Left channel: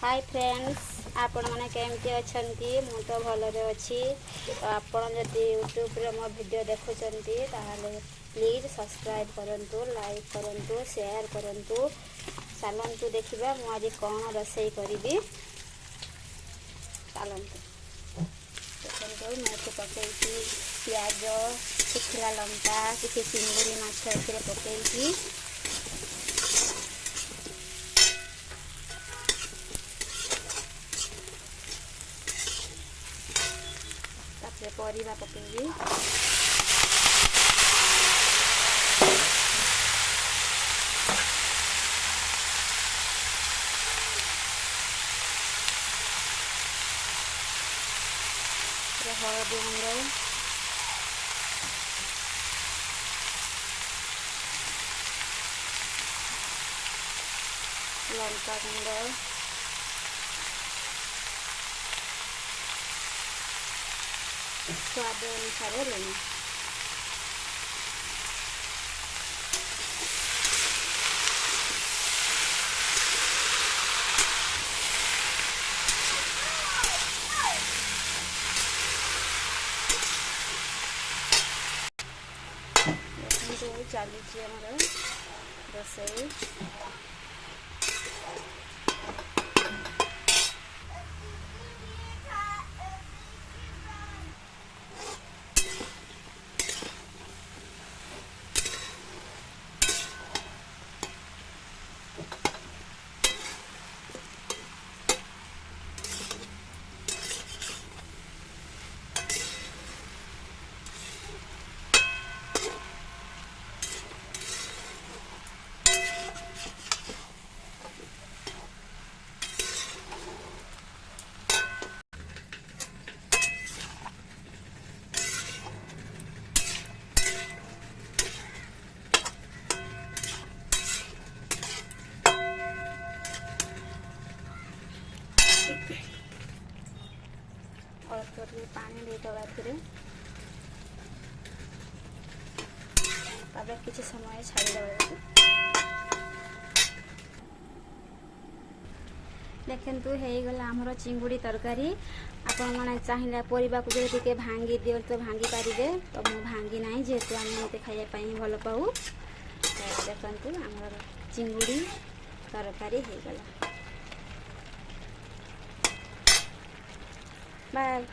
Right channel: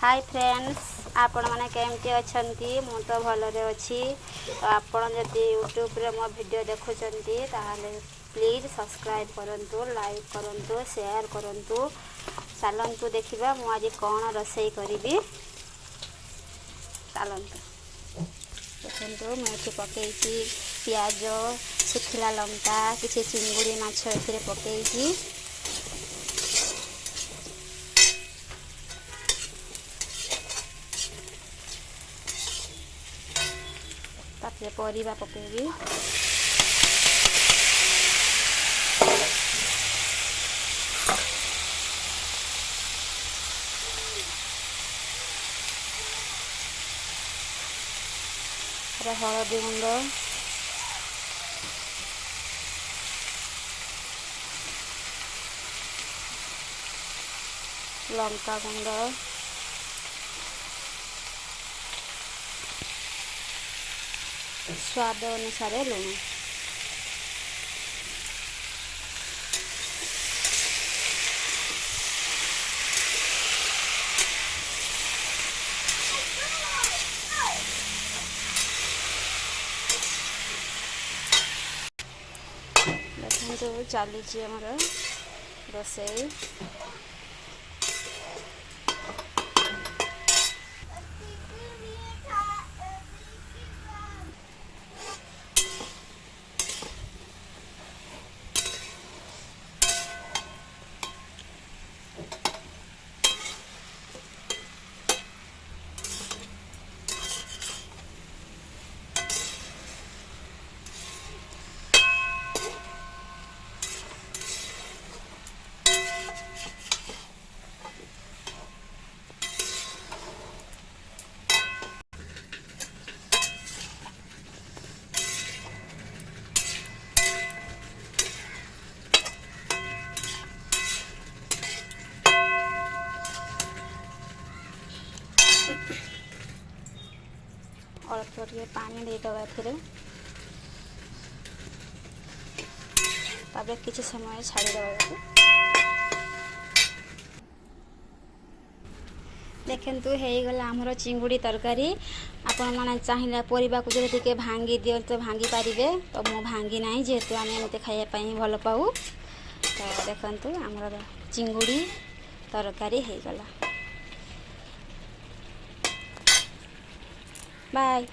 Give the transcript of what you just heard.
Hi friends, आपण मैंने केमती अच्छी मु तो भलरे अच्छी। तो आपण जदि यूट्यूब रे मो वीडियो देखुचंती ताहले प्लीज सब्सक्राइब करंतु, लाइक करंतु, शेयर करंतु। चलंतु देखिबा मु आज कौन रसोई करी। चलंतु देखंतु मैं एथे पकेइची प्याज, सुखिला लंका, किछि चिंगुड़ी माछ एथे पकेइची। तापर परिबा पकेबी। हलदी गुंड, लंका गुंड, स्वाद अनुसार लुण। देखो चलुची आमर रोसई। अल्प टे पानी देदबा तापर किसी समय छाड़ीदे। देखु होगला आमर चिंगुड़ी तरकारी। आपण मैंने चाहिए परिवा को जो भांगी दियो तो भांगी पारे, तो मु भांगी ना जेहेतु आम एमती खायापी भल पाऊ। तो देखु आमर चिंगुड़ी तरकारी होगला। बाय।